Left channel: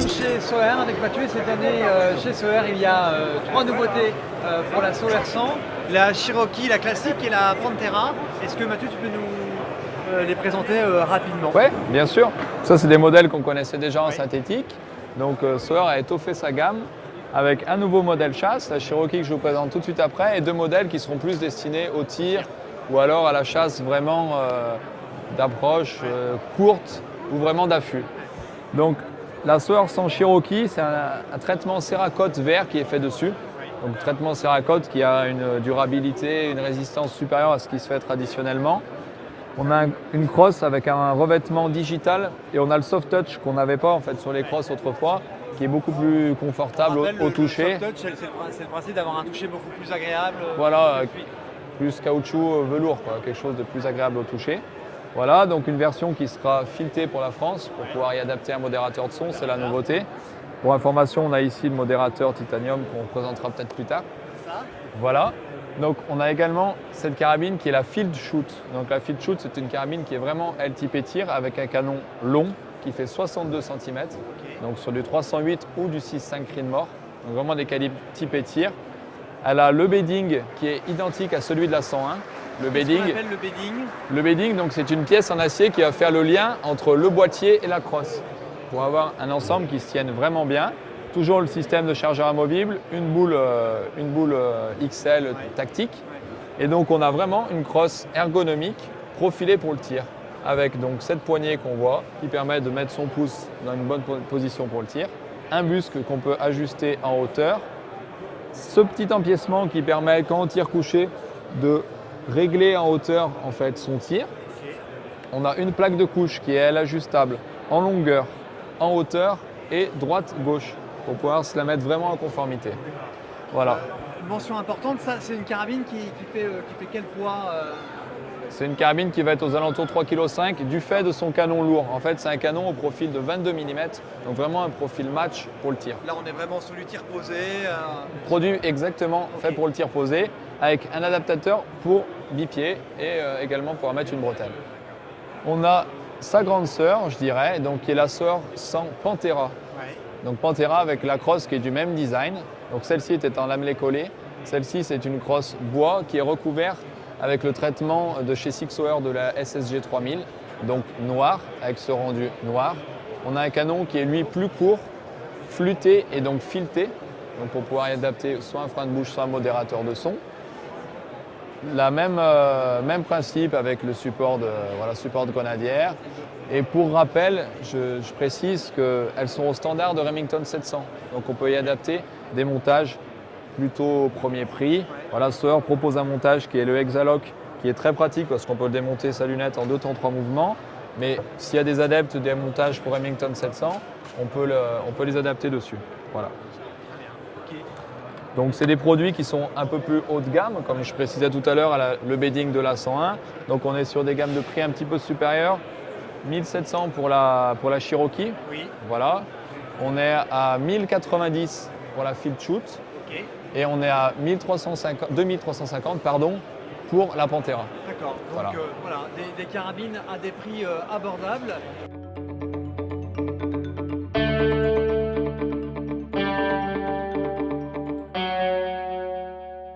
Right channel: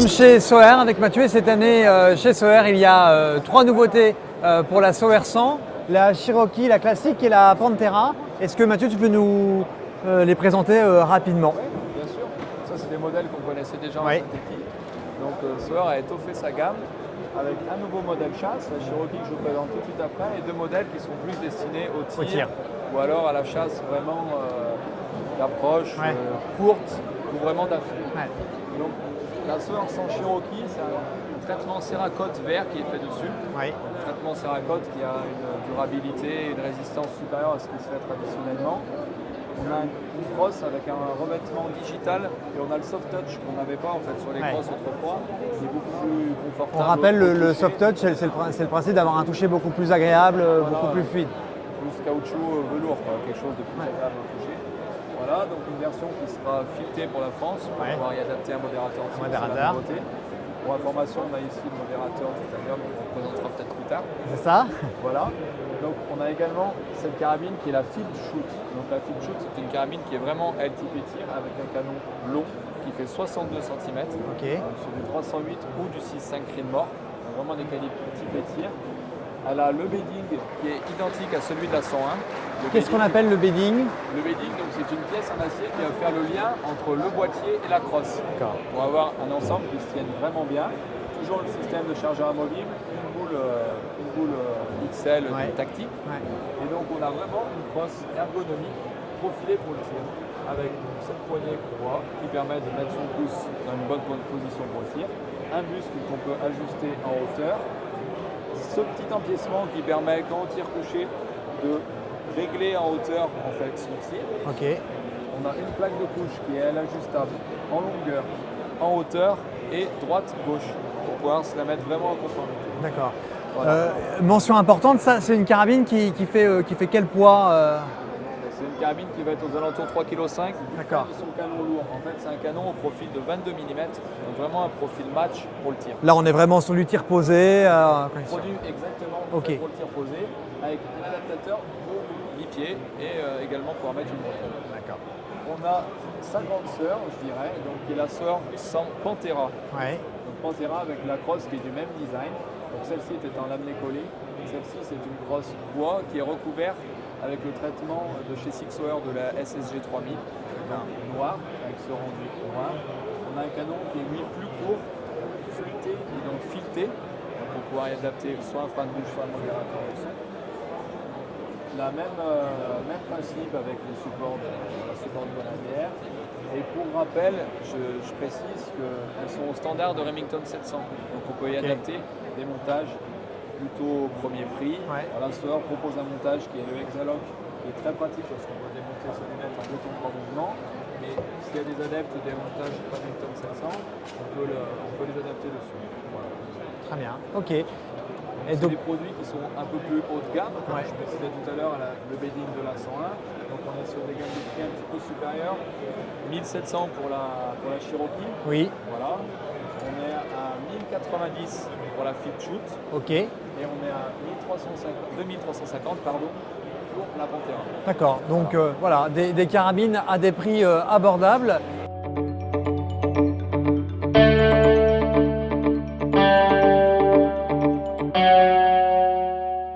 sommes chez Soher avec Mathieu et cette année chez Soher il y a 3 nouveautés pour la Soher 100, la Cherokee, la classique et la Pantera. Est-ce que Mathieu tu peux nous les présenter rapidement? Oui, bien sûr. Ça c'est des modèles qu'on connaissait déjà en Ouais. synthétique. Donc Soher a étoffé sa gamme avec un nouveau modèle chasse, la Cherokee que je vous présente tout de suite après, et 2 modèles qui seront plus destinés au tir ou alors à la chasse vraiment d'approche courte ou vraiment d'affût. Ouais. Donc la Soher 100 Cherokee, c'est un traitement Cerakote vert qui est fait dessus. Ouais. Donc traitement Cerakote qui a une durabilité, une résistance supérieure à ce qui se fait traditionnellement. On a une crosse avec un revêtement digital et on a le soft touch qu'on n'avait pas en fait sur les crosses autrefois, qui est beaucoup plus On confortable. rappelle au le toucher. soft touch, c'est le principe d'avoir un toucher beaucoup plus agréable, Voilà, beaucoup plus fluide. plus caoutchouc velours, quoi, quelque chose de plus agréable au toucher. Voilà, donc une version qui sera filetée pour la France pour pouvoir y adapter un modérateur de son, c'est la nouveauté. Pour information, on a ici le modérateur titanium qu'on présentera peut-être plus tard. C'est ça? Voilà. Donc on a également cette carabine qui est la Field Shoot. Donc la Field Shoot, c'est une carabine qui est vraiment LTP tir avec un canon long qui fait 62 cm. Donc sur du 308 ou du 6.5 Creedmoor. Donc vraiment des calibres type tir. Elle a le bedding qui est identique à celui de la 101. Qu'est-ce qu'on appelle le bedding? Le bedding, donc c'est une pièce en acier qui va faire le lien entre le boîtier et la crosse. Pour avoir un ensemble qui se tienne vraiment bien. Toujours le système de chargeur amovible, une boule XL tactique. Et donc on a vraiment une crosse ergonomique profilée pour le tir. Avec donc cette poignée qu'on voit qui permet de mettre son pouce dans une bonne position pour le tir. Un buscle qu'on peut ajuster en hauteur. Ce petit empiècement qui permet quand on tire couché de régler en hauteur en fait son tir. On a une plaque de couche qui est elle ajustable en longueur, en hauteur et droite-gauche pour pouvoir se la mettre vraiment en conformité. D'accord. Voilà. Mention importante, ça c'est une carabine qui fait quel poids C'est une carabine qui va être aux alentours de 3,5 kg du fait de son canon lourd. En fait, c'est un canon au profil de 22 mm, donc vraiment un profil match pour le tir. Là on est vraiment sur du tir posé. Produit exactement fait pour le tir posé, avec un adaptateur pour bipied et également pour mettre une bretelle. On a sa grande sœur, je dirais, donc qui est la Soher 100 Pantera. Donc Pantera avec la crosse qui est du même design. Donc celle-ci était en lamelé collé. Celle-ci c'est une crosse bois qui est recouverte avec le traitement de chez Sig Sauer de la SSG 3000, donc noir, avec ce rendu noir. On a un canon qui est lui plus court, flûté et donc fileté, donc pour pouvoir y adapter soit un frein de bouche, soit un modérateur de son. Même principe avec le support de grenadière. Et pour rappel, je précise qu'elles sont au standard de Remington 700. Donc on peut y adapter des montages plutôt au premier prix. Voilà, Soher propose un montage qui est le Hexalock, qui est très pratique parce qu'on peut démonter sa lunette en 2 temps 3 mouvements. Mais s'il y a des adeptes des montages pour Remington 700, on peut les adapter dessus. Voilà. Très bien, ok. Donc c'est des produits qui sont un peu plus haut de gamme, comme je précisais tout à l'heure, le bedding de la 101. Donc on est sur des gammes de prix un petit peu supérieures. 1700 pour la Cherokee. Oui. Voilà. On est à 1090 pour la Field Shoot. Et on est à 2350 pour la Pantera. D'accord. Donc voilà, des carabines à des prix abordables.